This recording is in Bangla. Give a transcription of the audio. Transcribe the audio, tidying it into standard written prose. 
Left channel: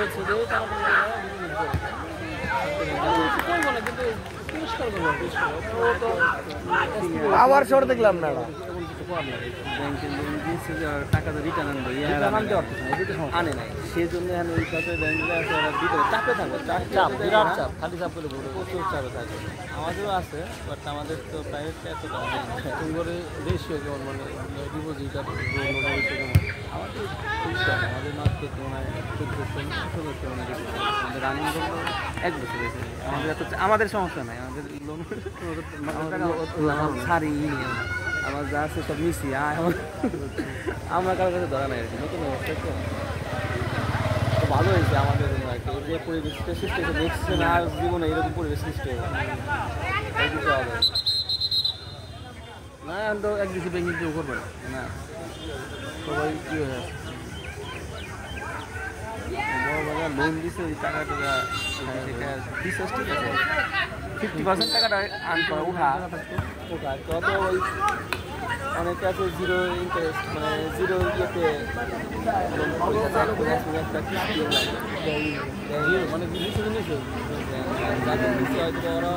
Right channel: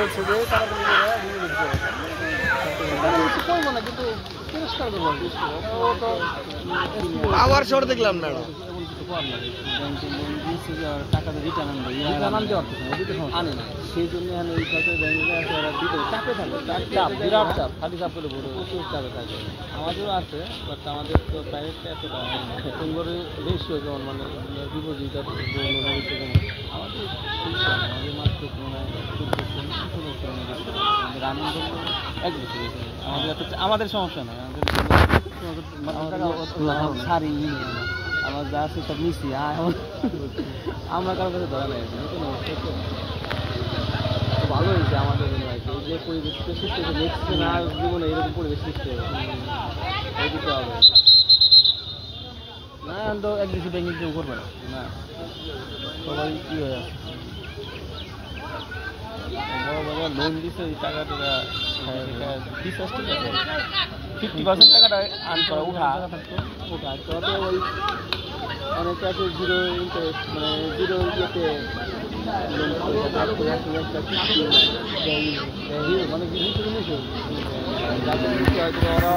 বলছে যে তাড়াতাড়ি করবো না, কিন্তু তিরস্কার করবো। ও তো আবার শর্ট দেখলাম না ব্যাংকের লোন দিয়েছে যে টাকা তো রিটার্ন আনে নাই, সেই জন্য ওই টাকা ব্যাংকে আছে, ওরা দিতে চাপে থাকে, চাপ বিরাট চাপ, খালি চাপ করে প্রচুর চাপে থাকে। আমাদেরও আছে, বাট আমাদের তো প্রাইভেট আছে, এইবারে রেশিও কেমন, মানে ডিপোজিট আর আমাদের আমাদের মাত্র আমাদের আনন্দ 1 বছর হয়েছে। আমাদের এত আমাদের সমস্যা নাই, আমাদের ছাড়ি আমার যা আছে সব নিচ্ছি, আমরা কারোর কাছে ধরা নেই। নতুন অবস্থা তো ভালো হয়েছে আমাদের জন্য আর কি, যে পরিবেশটা সৃষ্টি হয়েছে, নেক্সট আর জীবনে এরকম পরিবেশ সৃষ্টি হবে এই দিতে হবে না। তো একদিকে ব্যাংকিং কেউ করবে না, সবাই কী হয়ে আছে বড় বড় লোন দিচ্ছে, ওই টাকা টাকা বিশ্বাস ঠিক আছে, 50% টাকাটা আর্ন করা উঠা তত ওই অনেকে আছে জিরো ইন্টারেস্ট, মানে জিরো ইয়েতে লোন মানে নিচে যাদের নিচে হয়তো ওরা